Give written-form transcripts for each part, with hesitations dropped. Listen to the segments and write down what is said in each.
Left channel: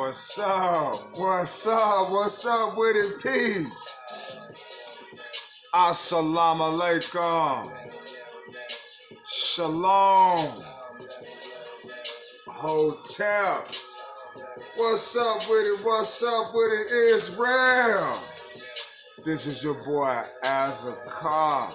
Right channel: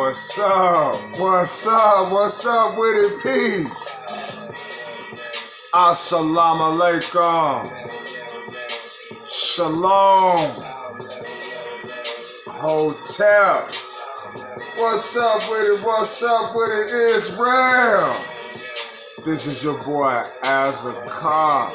What's up? What's up? What's up with it, peeps? Assalamu alaikum. Shalom. Hotel. What's up with it? What's up with it, Israel? This is your boy, Azakar,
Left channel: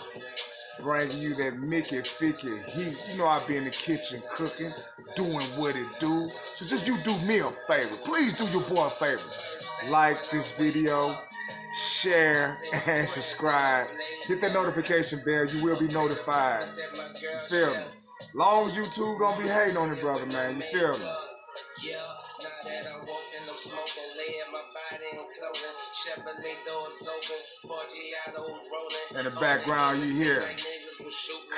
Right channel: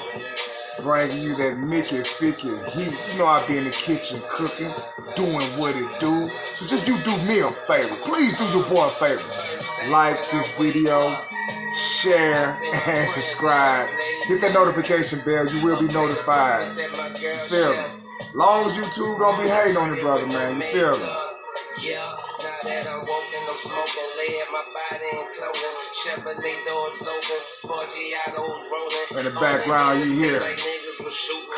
bringing you that Mickey Ficky heat. You know I be in the kitchen cooking, doing what it do. So just you do me a favor. Please do your boy a favor. Like this video, share, and subscribe. Hit that notification bell. You will be notified. You feel me? Long as YouTube don't be hating on it, brother, man. You feel me? In the background, you hear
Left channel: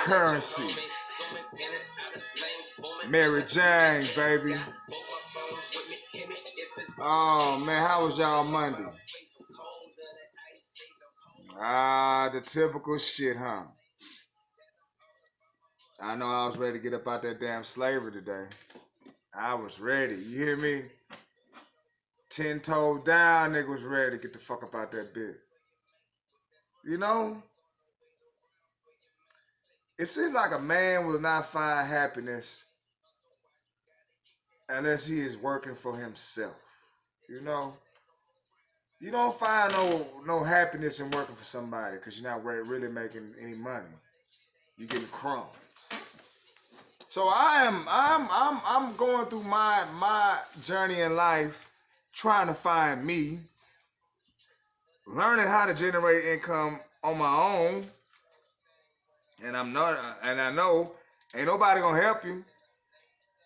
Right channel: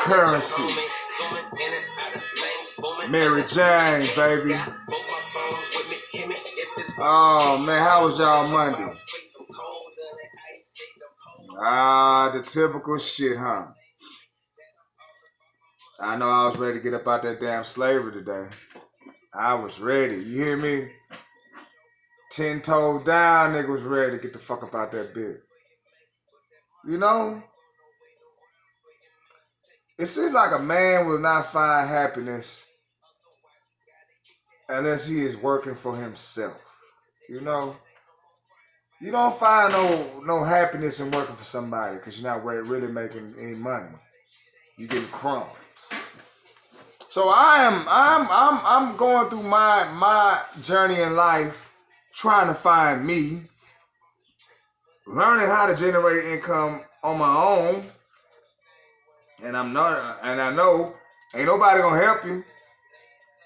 Currency, Mary Jane, baby. Oh man, how was y'all Monday? The typical shit, huh? I know I was ready to get up out that damn slavery today. I was ready. You hear me? 10 toes down, nigga was ready to get the fuck up out that bit. You know? It seems like a man will not find happiness unless he is working for himself. You know? You don't find no happiness in working for somebody because you're not really making any money. You're getting crumbs. So I'm going through my journey in life, trying to find me, learning how to generate income on my own, and I know ain't nobody gonna help you.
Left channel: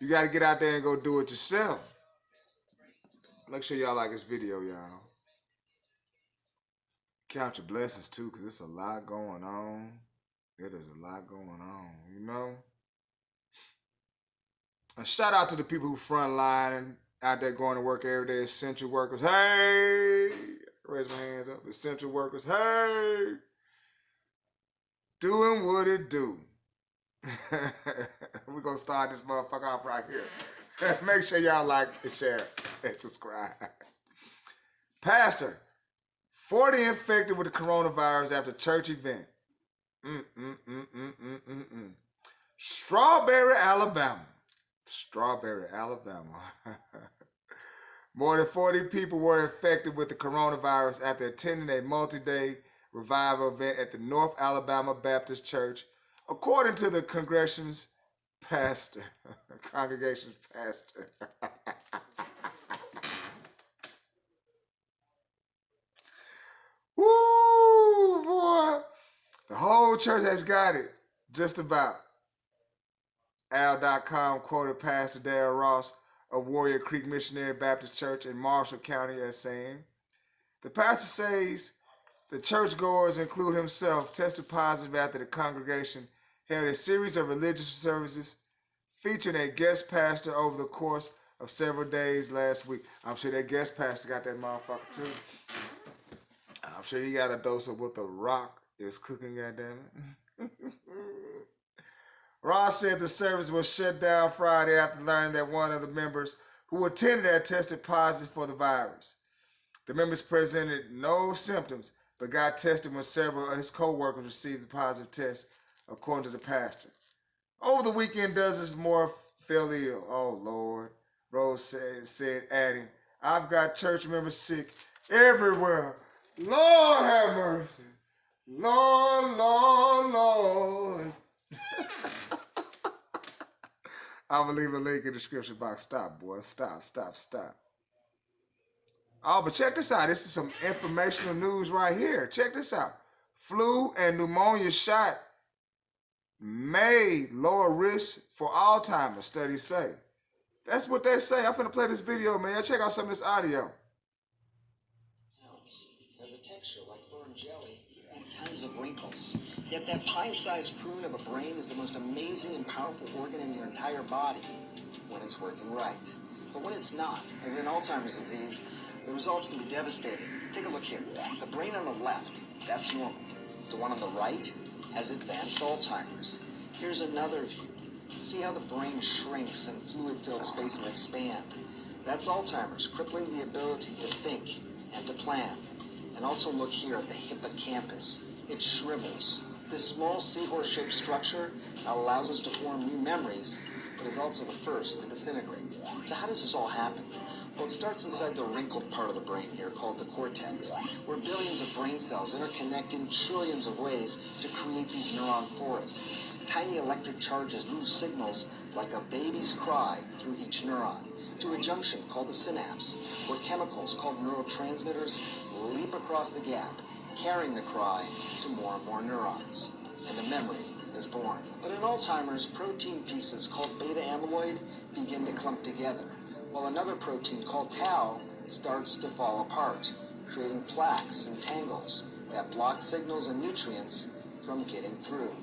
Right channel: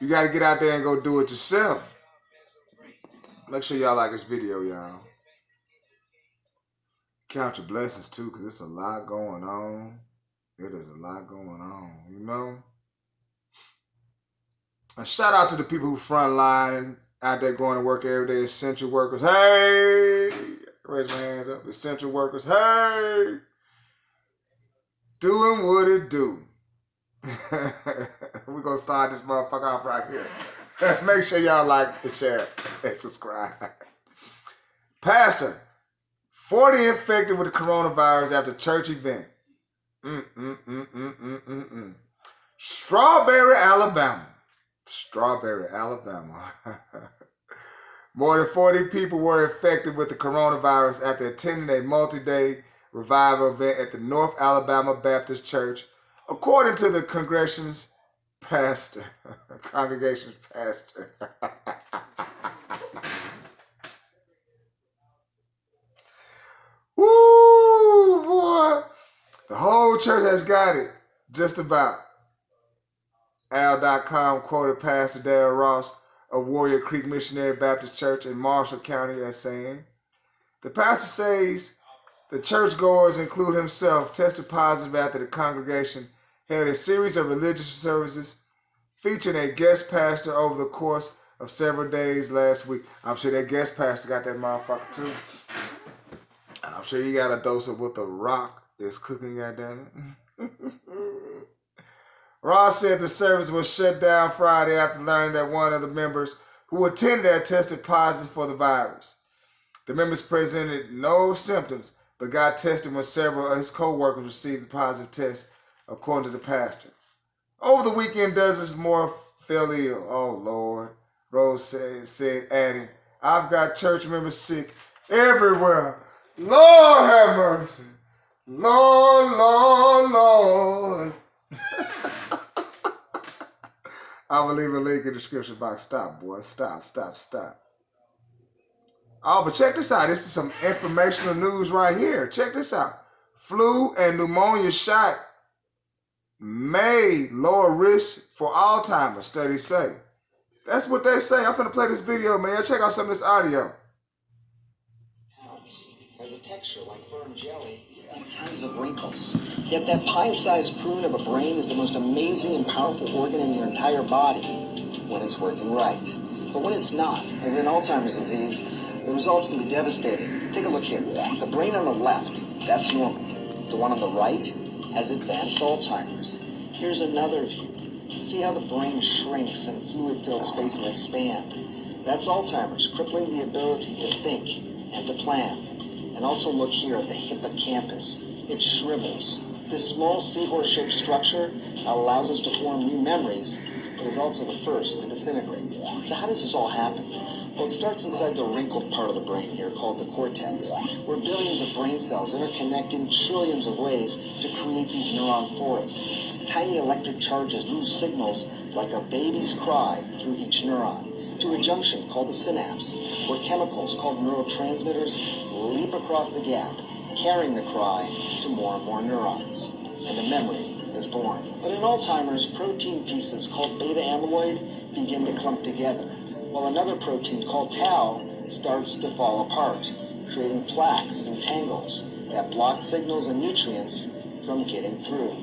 You gotta get out there and go do it yourself. Make sure y'all like this video, y'all. Count your blessings too, cause it's a lot going on. It is a lot going on, you know. And shout out to the people who frontline out there going to work every day, essential workers. Hey, raise my hands up. Essential workers. Hey, doing what it do. We're gonna start this motherfucker off right here. Make sure y'all like and share and subscribe. Pastor, 40 infected with the coronavirus after church event. Strawberry, Alabama. More than 40 people were infected with the coronavirus after attending a multi-day revival event at the North Alabama Baptist Church, according to the congregation's pastor. Woo, boy. The whole church has got it, just about. Al.com quoted Pastor Darrell Ross of Warrior Creek Missionary Baptist Church in Marshall County as saying, the pastor says the churchgoers, include himself, tested positive after the congregation held a series of religious services featuring a guest pastor over the course of several days last week. I'm sure that guest pastor got that motherfucker too. I'm sure he got a dose of what the Rock is cooking, goddammit. Ross said the service was shut down Friday after learning that one of the members who attended there tested positive for the virus. The members presented no symptoms, but got tested when several of his co-workers received a positive test, according to the pastor. Over the weekend, dozens more fell ill. Oh, Lord, Rose said, adding, I've got church members sick everywhere. Lord have mercy. Lord, Lord, Lord. I'm going to leave a link in the description box. Stop, boy. Stop. Oh, but check this out. This is some informational news right here. Check this out. Flu and pneumonia shot may lower risk for Alzheimer's, studies say. That's what they say. I'm finna play this video, man. Check out some of this audio. Has a texture like firm jelly and tons of wrinkles. Yet that pie-sized prune of a brain is the most amazing and powerful organ in your entire body when it's working right. But when it's not, as in Alzheimer's disease, the results can be devastating. Take a look here. The brain on the left, that's normal. The one on the right has advanced Alzheimer's. Here's another view. See how the brain shrinks and fluid-filled spaces expand. That's Alzheimer's, crippling the ability to think and to plan. And also look here at the hippocampus. It shrivels. This small seahorse-shaped structure allows us to form new memories, but is also the first to disintegrate. So how does this all happen? Well, it starts inside the wrinkled part of the brain here called the cortex, where billions of brain cells interconnect in trillions of ways to create these neuron forests. Tiny electric charges move signals like a baby's cry through each neuron to a junction called the synapse, where chemicals called neurotransmitters leap across the gap, carrying the cry to more and more neurons, and a memory is born. But in Alzheimer's, protein pieces called beta amyloid begin to clump together, while another protein called tau starts to fall apart, creating plaques and tangles that block signals and nutrients from getting through.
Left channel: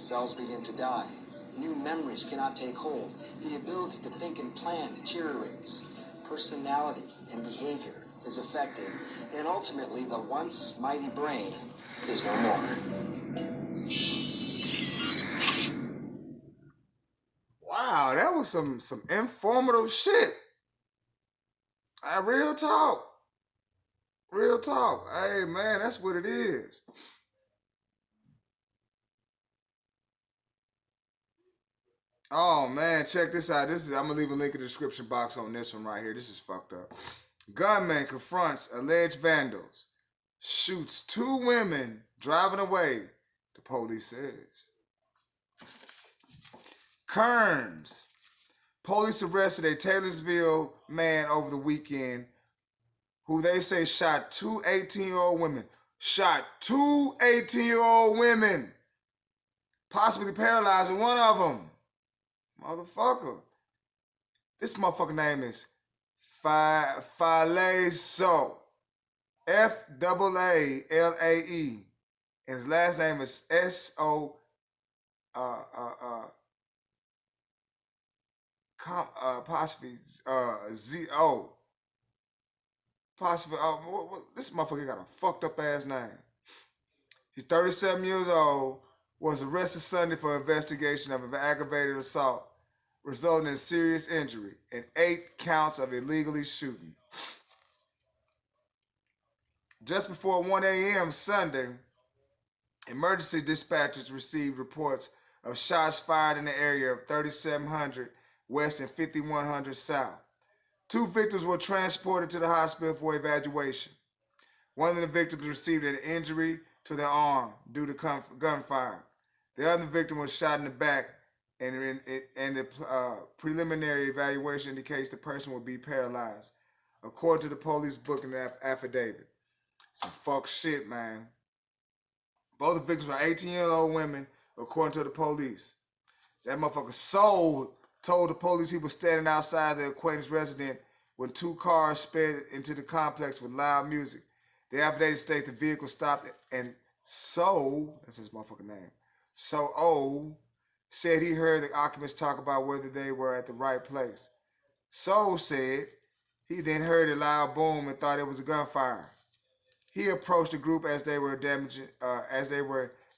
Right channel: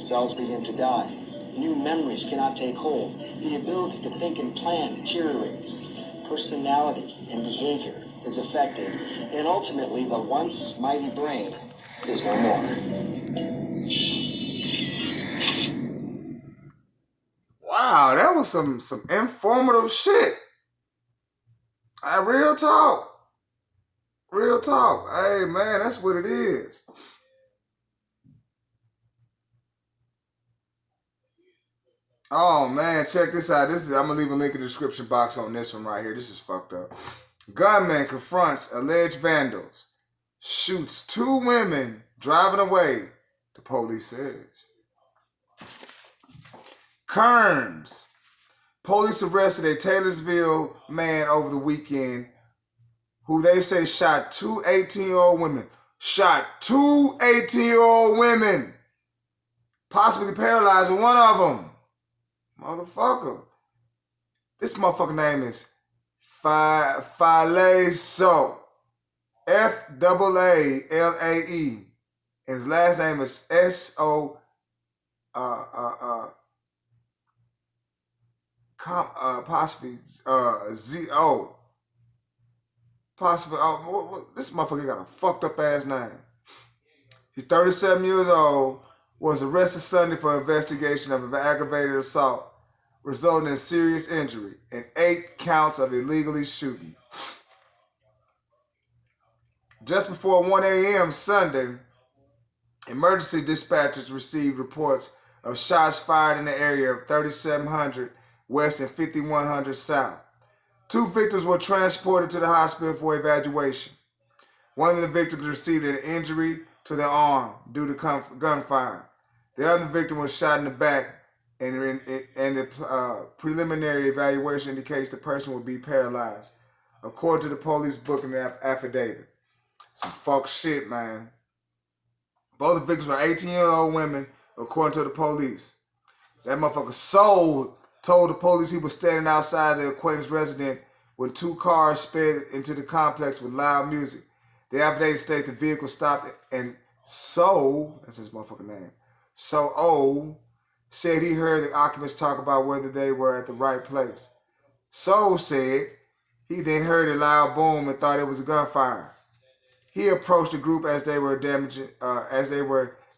Cells begin to die. New memories cannot take hold. The ability to think and plan deteriorates. Personality and behavior is affected, and ultimately the once mighty brain is no more. Wow, that was some informative shit. Real talk. Real talk. Hey man, that's what it is. Oh man, check this out. I'm gonna leave a link in the description box on this one right here. This is fucked up. Gunman confronts alleged vandals, shoots 2 women driving away, the police says. Kearns. Police arrested a Taylorsville man over the weekend who they say shot 2 18-year-old women. Shot 2 18-year-old women. Possibly paralyzing one of them. Motherfucker. This motherfucker name is Falae. F-A-A-L-A-E. And his last name is S-O possibly Z-O. Possibly, this motherfucker got a fucked up ass name. He's 37 years old, was arrested Sunday for investigation of an aggravated assault, resulting in serious injury and 8 counts of illegally shooting. Just before 1 a.m. Sunday, emergency dispatchers received reports of shots fired in the area of 3700 West and 5100 South. 2 victims were transported to the hospital for evaluation. One of the victims received an injury to the arm due to gunfire. The other victim was shot in the back, and the preliminary evaluation indicates the person will be paralyzed, according to the police booking affidavit. Some fuck shit, man. Both the victims were 18-year-old women, according to the police. That motherfucker told the police he was standing outside the acquaintance residence when 2 cars sped into the complex with loud music. The affidavit states the vehicle stopped and that's his motherfucking name, said he heard the occupants talk about whether they were at the right place. Said he then heard a loud boom and thought it was a gunfire. He approached the group as they were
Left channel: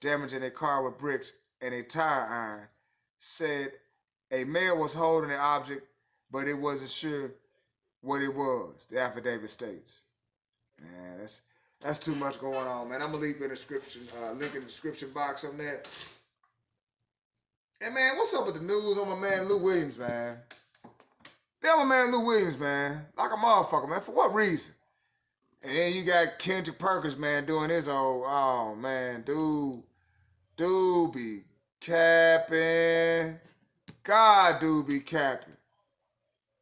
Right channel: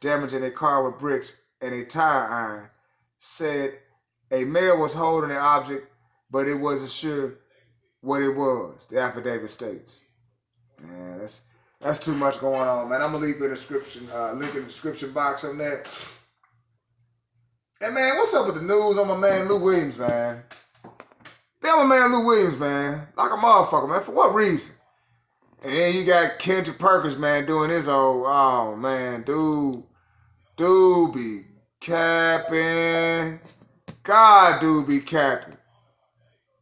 damaging a car with bricks and a tire iron. Said a male was holding an object, but it wasn't sure what it was, the affidavit states. Man, that's too much going on, man. I'm gonna leave in the description, link in the description box on that. Hey man, what's up with the news on my man Lou Williams, man? Damn, my man Lou Williams, man. Like a motherfucker, man. For what reason? And then you got Kendrick Perkins, man, doing his oh man, dude be capping. God, dude be capping.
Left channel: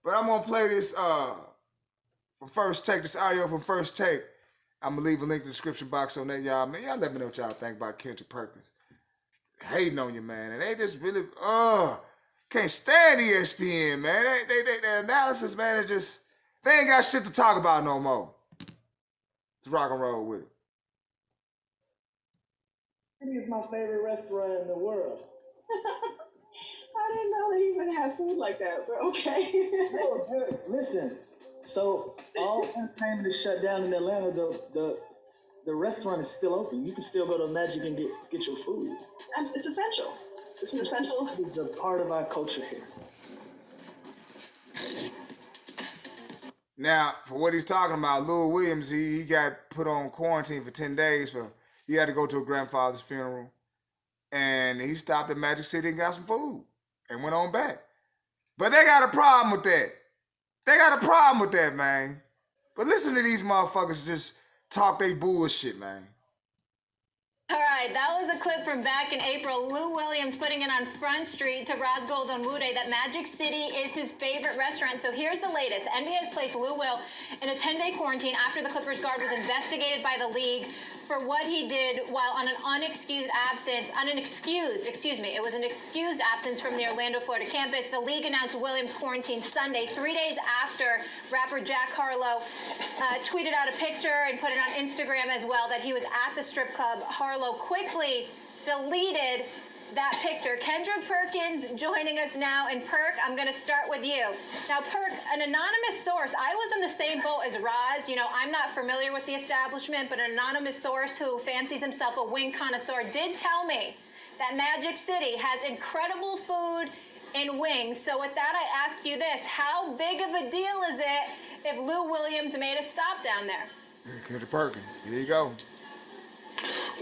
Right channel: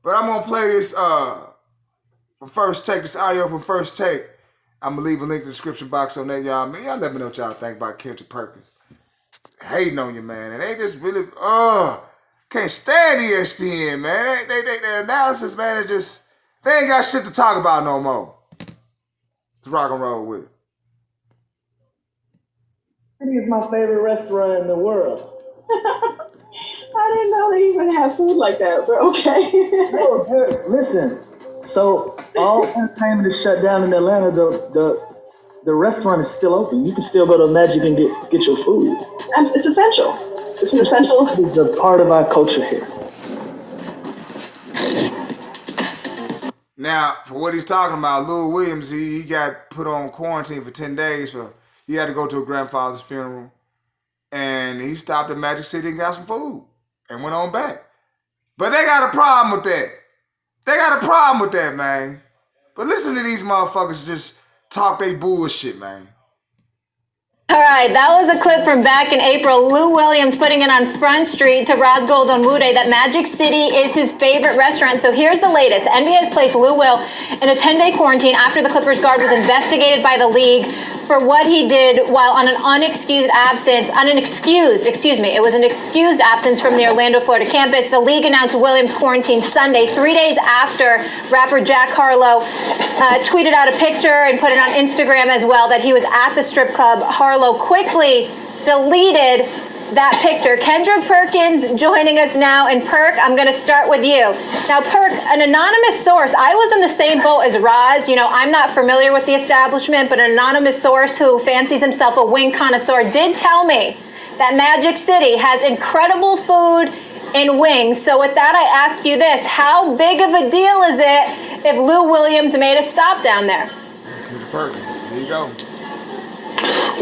But I'm gonna play this from First Take, this audio from First Take. I'm gonna leave a link in the description box on that, y'all. Man, y'all let me know what y'all think about Kendrick Perkins. Hating on you, man. And they just really, can't stand ESPN, man. The analysis, man, is just, they ain't got shit to talk about no more. Let's rock and roll with it. It is my favorite restaurant in the world. I didn't know they even have food like that, but okay. No, listen. So all entertainment is shut down in Atlanta. The restaurant is still open. You can still go to Magic and get your food. It's essential. It's an essential. It's a part of our culture here. Now, for what he's talking about, Lou Williams, he got put on quarantine for 10 days. He had to go to a grandfather's funeral. And he stopped at Magic City and got some food and went on back. But they got a problem with that. They got a problem with that, man. But listen to these motherfuckers just talk they bullshit, man. All right, that was a clip from back in April. Lou Williams putting it on Front Street to Raz Goldenwude that Magic City is his favorite restaurant. So here's the latest. The NBA has placed Lou Will in a 10-day quarantine after the Clippers guard was investigated by the league for what he did while on an unexcused absence, it was an excused absence from the Orlando, Florida campus. The league announced Williams quarantined Sunday, 3 days after rapper Jack Harlow tweeted out a picture and put it on Instagram as well that he was at the strip club. Harlow quickly deleted that picture. Kendrick Perkins joining us now. And Perk, I'm going to start with you. Now, Perk, an anonymous source, I was in the same boat as Raz. You know, I'm not familiar with the establishment, but an anonymous source who fancies himself a wing connoisseur did tell me that Magic City has incredible food and wings. So with that, I ask you this. How big of a deal is it if Lou Williams made a stop down there? Kendrick Perkins, here you go.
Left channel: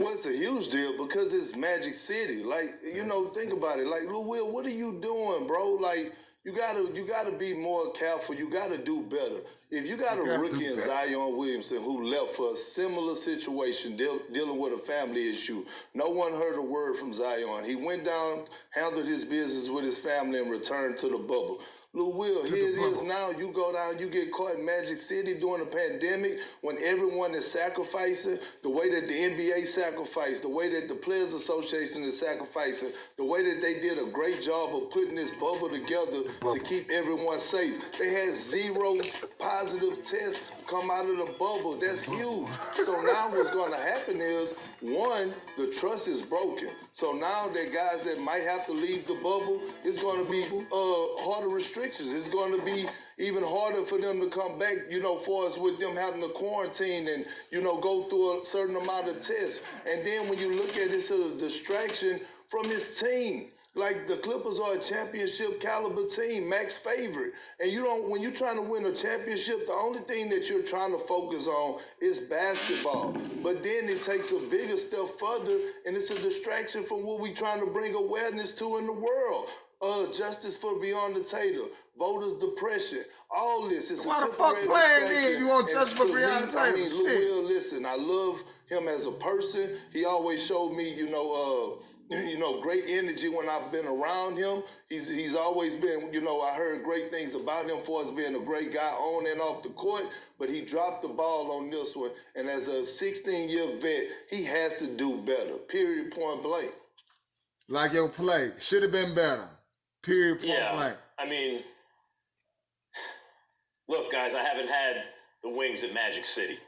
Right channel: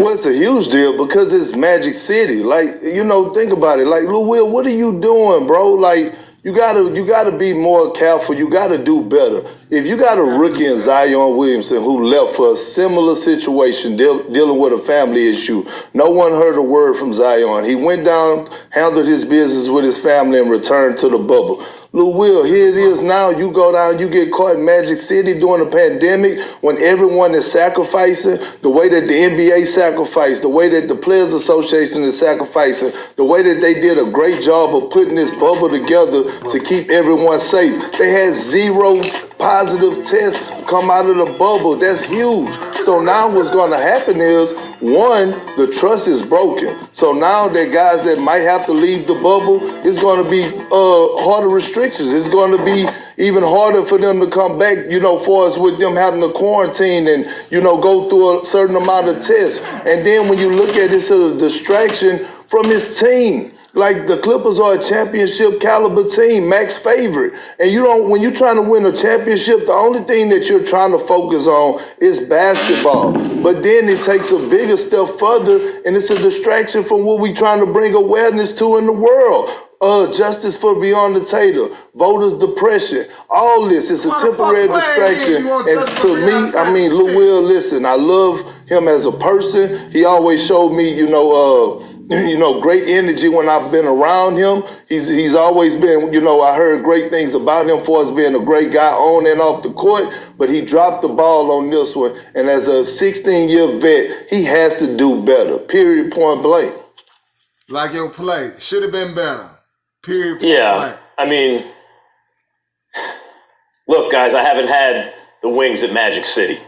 Well, it's a huge deal because it's Magic City. Like, you know, think about it. Like, Lou Will, what are you doing, bro? Like, you gotta be more careful. You gotta do better. If you got a rookie in Zion Williamson who left for a similar situation, dealing with a family issue, no one heard a word from Zion. He went down, handled his business with his family, and returned to the bubble. Lou Will, here it is now. You go down, you get caught in Magic City during the pandemic when everyone is sacrificing, the way that the NBA sacrificed, the way that the Players Association is sacrificing, the way that they did a great job of putting this bubble together to keep everyone safe. They had 0 positive tests come out of the bubble. That's huge. So now what's going to happen is, one, the trust is broken. So now that guys that might have to leave the bubble, it's going to be harder restrictions. It's going to be even harder for them to come back, you know, for us with them having to quarantine and, you know, go through a certain amount of tests. And then when you look at it, it's a distraction from his team. Like, the Clippers are a championship caliber team, max favorite. And when you're trying to win a championship, the only thing that you're trying to focus on is basketball. But then it takes a bigger step further, and it's a distraction from what we're trying to bring awareness to in the world. Justice for Breonna Taylor, voters' depression, all this is a temporary distraction. And to me, I mean, Lou Will, listen, I love him as a person. He always showed me, great energy when I've been around him. He's always been, I heard great things about him for us being a great guy on and off the court, but he dropped the ball on this one. And as a 16-year vet, he has to do better, period, point blank. Like your play, should have been better, period, point blank. I mean, look, guys, I haven't had the wings at Magic City.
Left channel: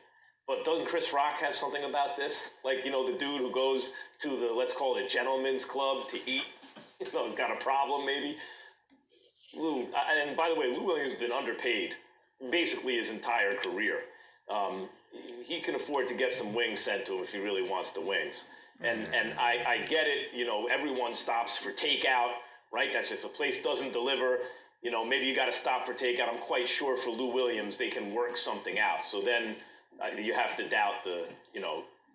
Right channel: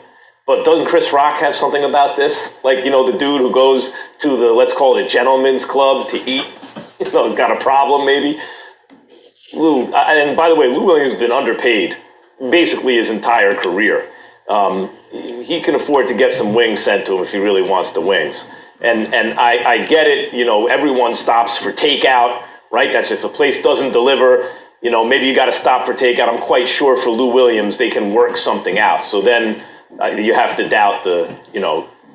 But doesn't Chris Rock have something about this? Like, the dude who goes to the, let's call it a gentleman's club to eat, got a problem maybe. Lou, and by the way, Lou Williams has been underpaid basically his entire career. He can afford to get some wings sent to him if he really wants the wings. And I get it, everyone stops for takeout, right? That's if the place doesn't deliver, maybe you got to stop for takeout. I'm quite sure for Lou Williams, they can work something out. So then you have to doubt the,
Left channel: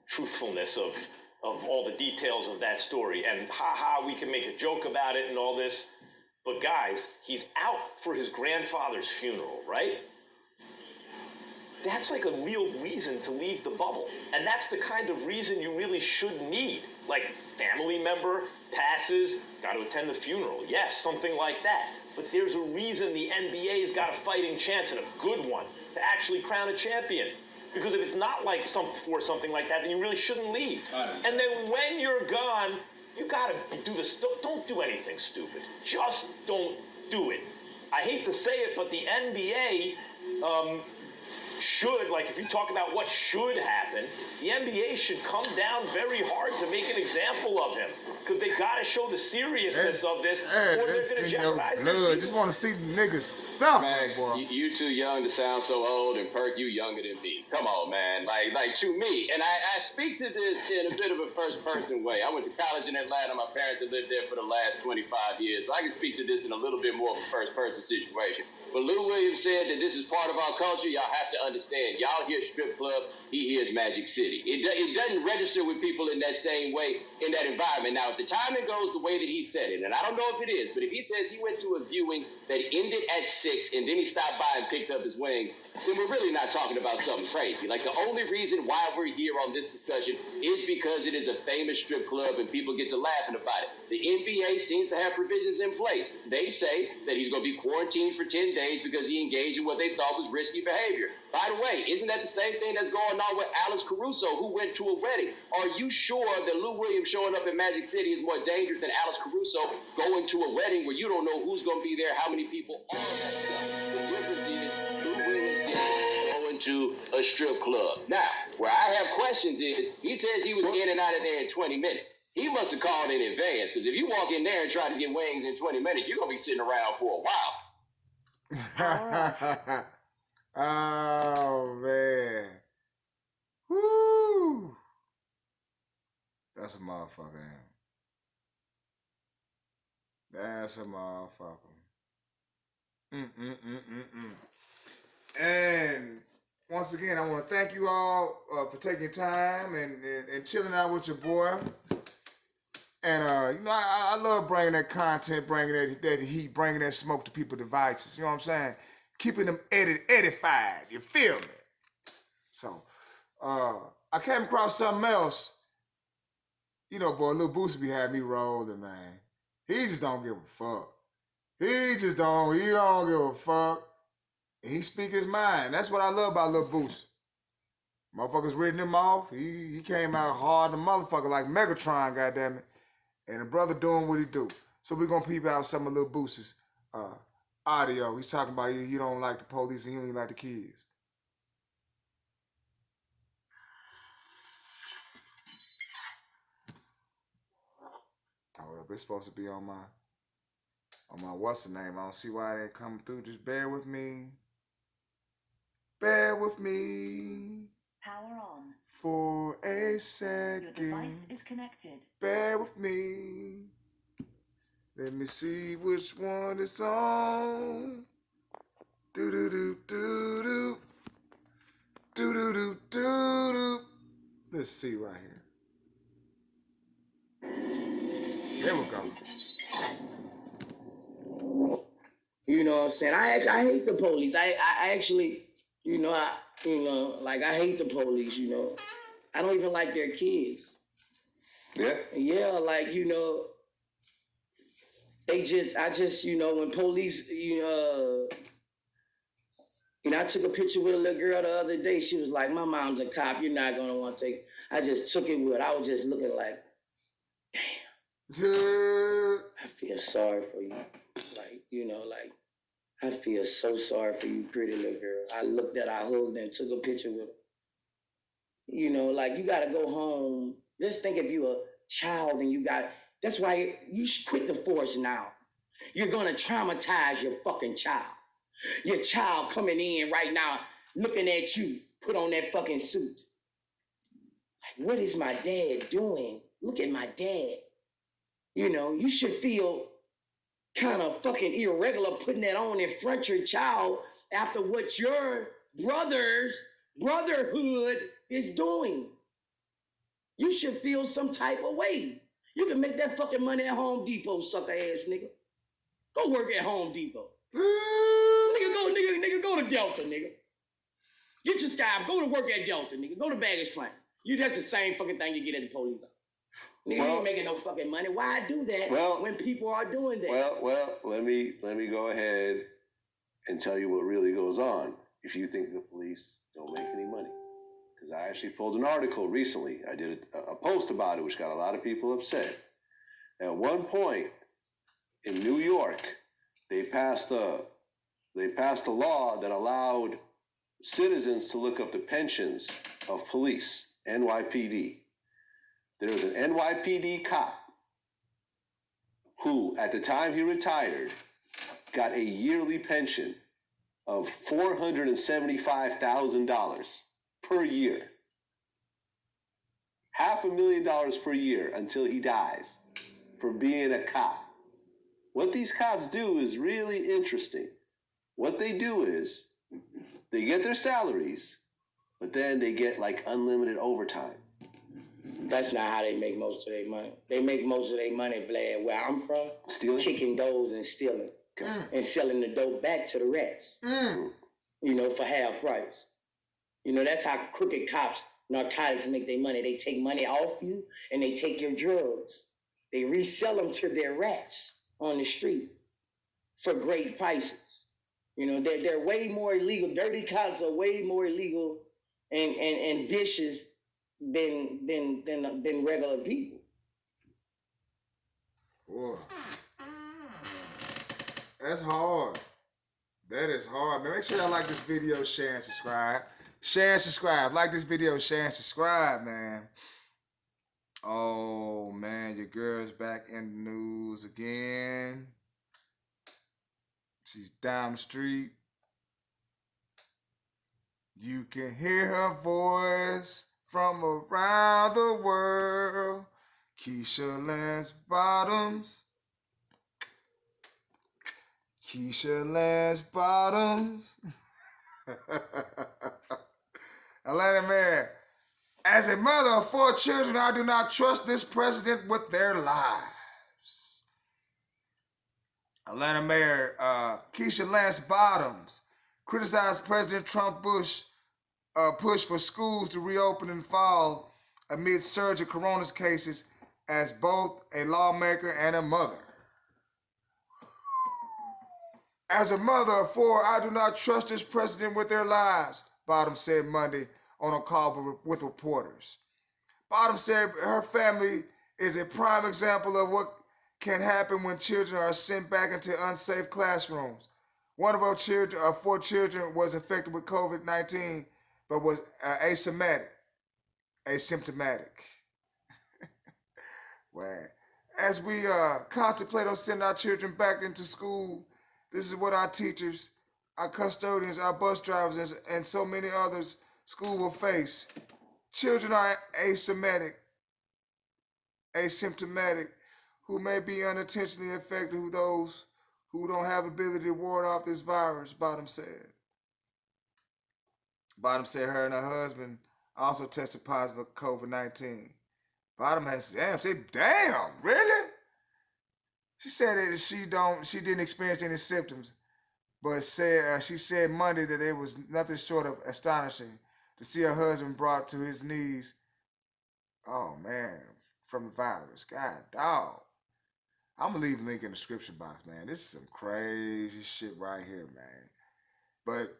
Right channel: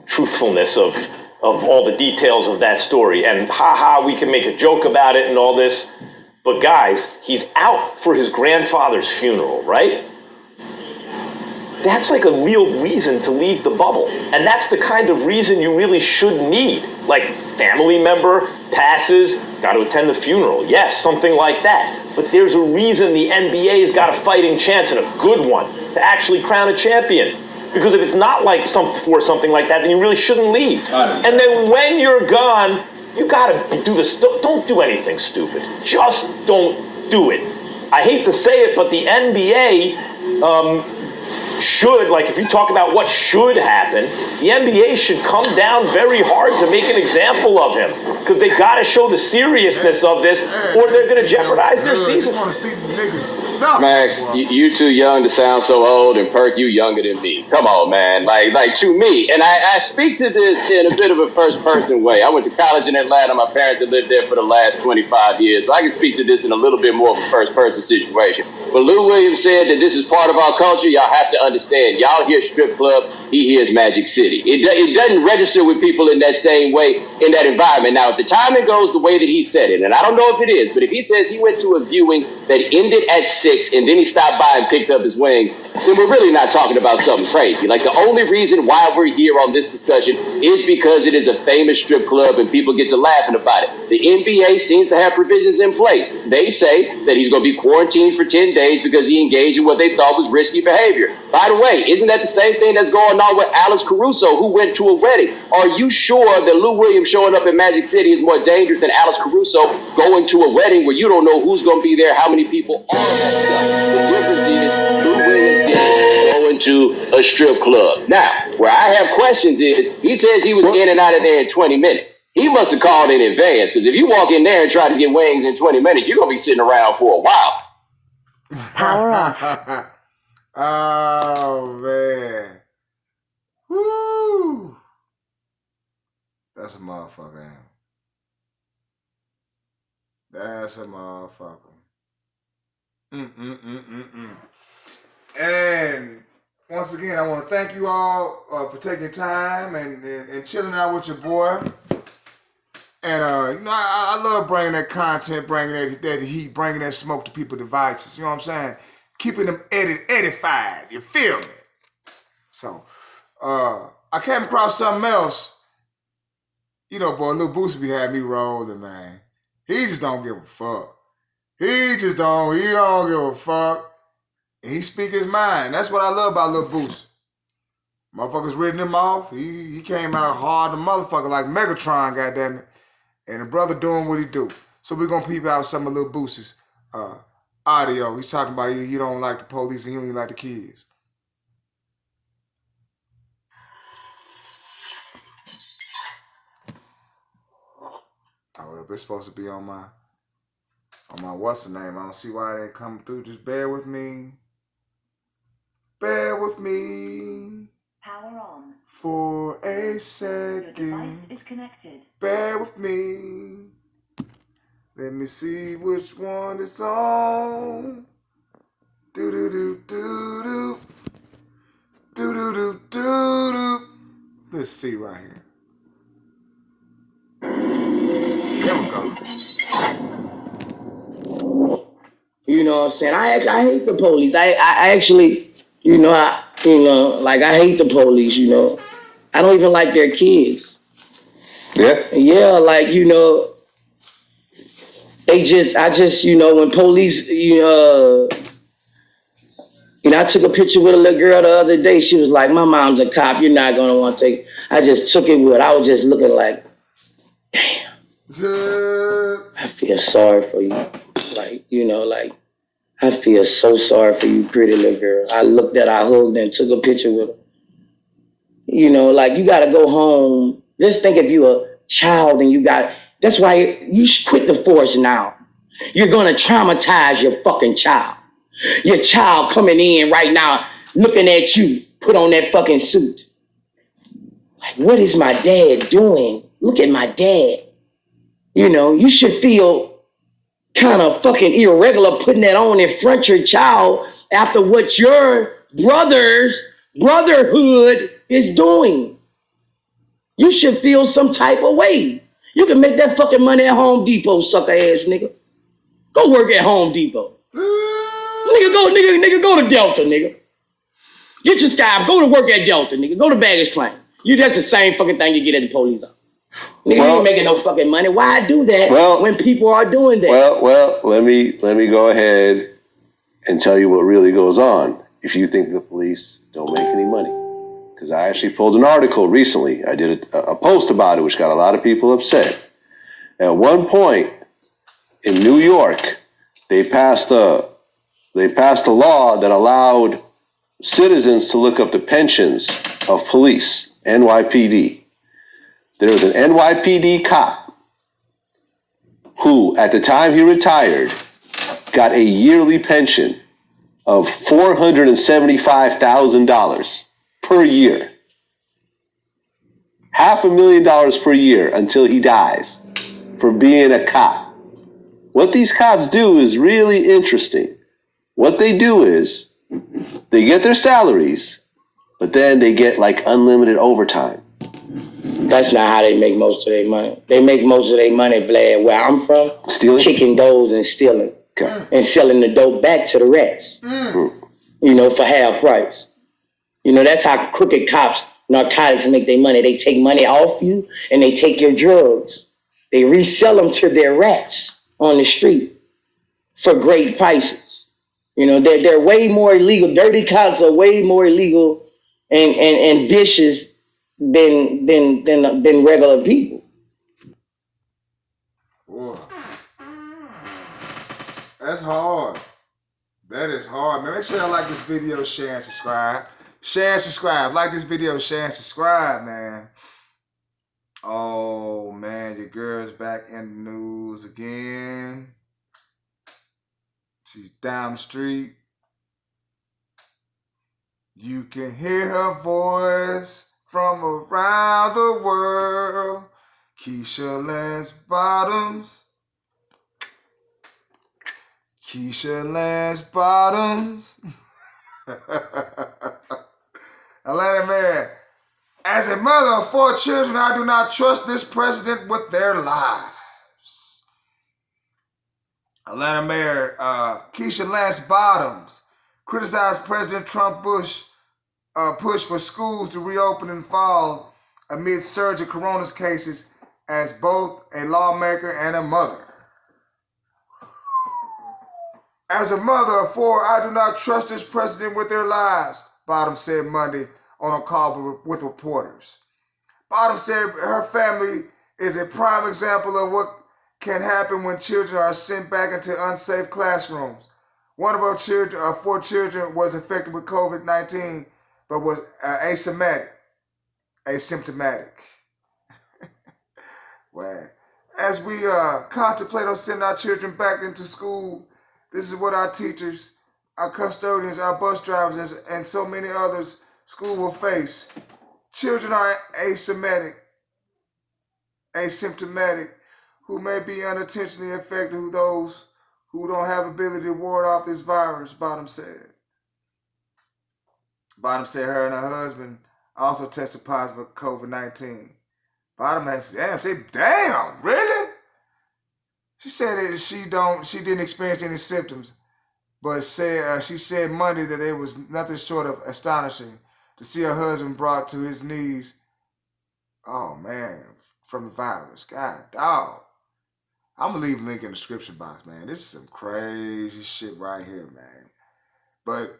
truthfulness of all the details of that story. And we can make a joke about it and all this. But guys, he's out for his grandfather's funeral, right? That's like a real reason to leave the bubble. And that's the kind of reason you really should need. Like family member, passes, got to attend the funeral. Yes, something like that. But there's a reason the NBA's got a fighting chance, and a good one, to actually crown a champion. Because if it's not like for something like that, then you really shouldn't leave. And then when you're gone, you gotta do this. Don't do anything stupid. Just don't do it. I hate to say it, but the NBA should, like if you talk about what should happen, the NBA should come down very hard to make an example of him because they got to show the seriousness of this, or they're going to jeopardize their season. You want to see the niggas suffer. Max, you too young to sound so old, and Perk, you younger than me. Come on, man. Like to me, and I speak to this in a bit of a first-person way. I went to college in Atlanta. My parents had lived there for the last 25 years, so I can speak to this in a little bit more of a first-person situation. When Lou Williams said that this is part of our culture, y'all have to understand. Y'all hear strip club, he hears Magic City. It doesn't register with people in that same way, in that environment. Now, if the timing goes the way that he said it, and I don't know if it is, but if he says he went to a viewing that ended at 6 and then he stopped by and picked up his wing, then we're really not talking about something crazy. Like, the only reason why we're here on this discussion is because it is a famous strip club and people get to laughing about it. The NBA seems to have provisions in place. They say that he's going to be quarantined for 10 days because he engaged in what they thought was risky behavior. By the way, isn't that the same thing that's going on with Alex Caruso, who went to a wedding? Are you sure that Lou Williams showing up in Magic City is more dangerous than Alex Caruso going to a wedding where you don't know who's going to be there, how many people, all of that stuff? The difference is Lou Williams is going to a strip club. Now, where I have questions is, he says he was in and out of there in 20 minutes. He must have called in advance, because if you walk in there and try to get wings in 20 minutes, you're going to be sitting around for a while. Power off. Oh, man. Woo. That's a motherfucker, ain't it? That's a motherfucker. And once again, I want to thank you all for taking time and chilling out with your boy. And, you know, I love bringing that content, bringing that heat, bringing that smoke to people's devices. You know what I'm saying? Keeping them edified. You feel me? So, I came across something else. You know, boy, Lil Boosie be having me rolling, man. He just don't give a fuck. He don't give a fuck. And he speak his mind. That's what I love about Lil Boosie. Motherfuckers written him off. He came out hard, the motherfucker, like Megatron, goddammit. And the brother doing what he do. So we're gonna peep out some of Lil Boosie's audio. He's talking about he don't like the police and he don't even like the kids. Oh, it's supposed to be on my what's the name? I don't see why it ain't coming through. Just bear with me. Bear with me. Power on. For a Your device second. is connected. Bear with me. Let me see which one is on. Do do do do do. Do do do do do. Let's see right here. There we go. You know what I'm saying? I hate the police. I actually, I hate the police, I don't even like their kids. Yeah. Yeah, when police, I took a picture with a little girl the other day. She was like, my mom's a cop. You're not going to want to take it. I just took it with her. I was just looking like, damn. I feel sorry for you. I feel so sorry for you, pretty little girl. I looked at her, I hugged her, and took a picture with her. You got to go home. Just think if you're a child and that's why you should quit the force now. You're going to traumatize your fucking child. Your child coming in right now, looking at you, put on that fucking suit. Like, what is my dad doing? Look at my dad. You should feel kind of fucking irregular putting that on in front of your child after what your brotherhood is doing. You should feel some type of way. You can make that fucking money at Home Depot, sucker ass nigga. Go work at Home Depot. Nigga, go to Delta, nigga. Get your sky, go to work at Delta, nigga. Go to baggage claim. That's the same fucking thing you get at the police office. Nigga, you ain't making no fucking money. Why do that when people are doing that? Well, let me go ahead and tell you what really goes on if you think the police don't make any money. Because I actually pulled an article recently. I did a post about it, which got a lot of people upset. At one point in New York, they passed a law that allowed citizens to look up the pensions of police, NYPD. There was an NYPD cop who, at the time he retired, got a yearly pension of $475,000 per year. $500,000 per year until he dies for being a cop. What these cops do is really interesting. What they do is they get their salaries, but then they get like unlimited overtime. That's not how they make most of their money. They make most of their money, Vlad, where I'm from, Stealing? kicking doors and stealing. Okay. And selling the dope back to the rats, you know, for half price. You know, that's how crooked cops, narcotics make their money. They take money off you and they take your drugs. They resell them to their rats on the street for great prices. You know, they're way more illegal. Dirty cops are way more illegal and vicious than regular people. Boy. That's hard. That is hard, man. Make sure y'all like this video, share, and subscribe. Share and subscribe. Like this video, share, and subscribe, man. Oh, man, your girl's back in the news again. She's down the street. You can hear her voice from around the world. Keisha Lance Bottoms. Keisha Lance Bottoms. Atlanta Mayor. As a mother of 4 children, I do not trust this president with their lives. Atlanta Mayor Keisha Lance Bottoms criticized President Trump push for schools to reopen in fall amid surge of corona cases as both a lawmaker and a mother. As a mother of 4, I do not trust this president with their lives, Bottoms said Monday on a call with reporters. Bottoms said her family is a prime example of what can happen when children are sent back into unsafe classrooms. One of her 4 children was infected with COVID-19, but was asymptomatic. Well, as we contemplate on sending our children back into school, this is what our teachers, our custodians, our bus drivers, and so many others school will face. Children are asymptomatic, who may be unintentionally infected, those who don't have ability to ward off this virus, Bottoms said. Bottoms said her and her husband also tested positive for COVID-19. Bottoms said, damn, really? She said that she didn't experience any symptoms, but she said Monday that it was nothing short of astonishing to see her husband brought to his knees. Oh man, from the virus. God, dog. I'm gonna leave a link in the description box, man. This is some crazy shit right here, man. But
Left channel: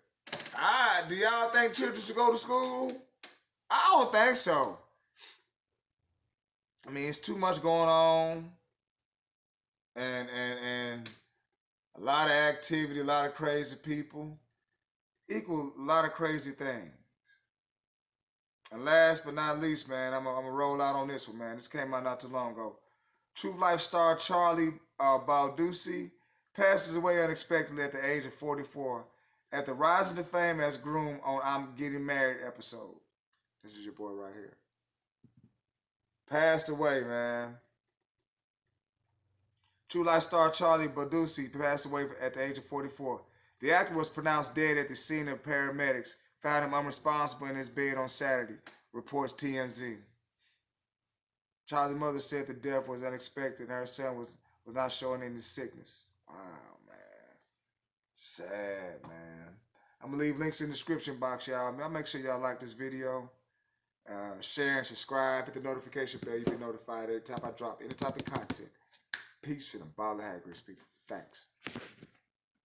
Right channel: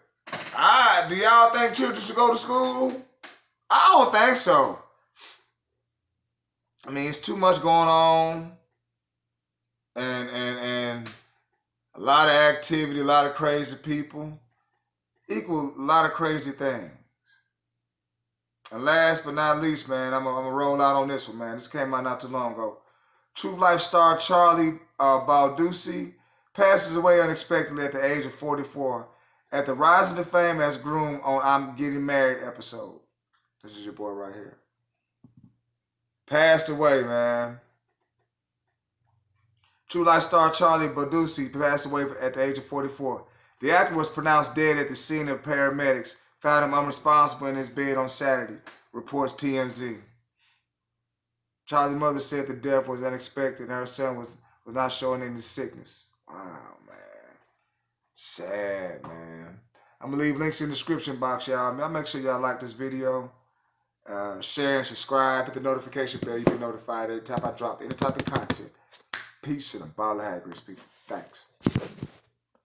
do y'all think children should go to school? I don't think so. I mean, it's too much going on. And a lot of activity, a lot of crazy people equal a lot of crazy things. And last but not least, man, I'm gonna roll out on this one, man. This came out not too long ago. True Life star Charlie Baldussi passes away unexpectedly at the age of 44 at the Rising to Fame as groom on I'm Getting Married episode. This is your boy right here. Passed away, man. True Life star Charlie Baldussi passed away at the age of 44. The actor was pronounced dead at the scene of paramedics found him unresponsible in his bed on Saturday, reports TMZ. Charlie's mother said the death was unexpected and her son was not showing any sickness. Wow, man. Sad, man. I'm going to leave links in the description box, y'all. I'll make sure y'all like this video. Share and subscribe. Hit the notification bell. You get notified every time I drop any type of content. Peace and a ball of haggis, people. Thanks.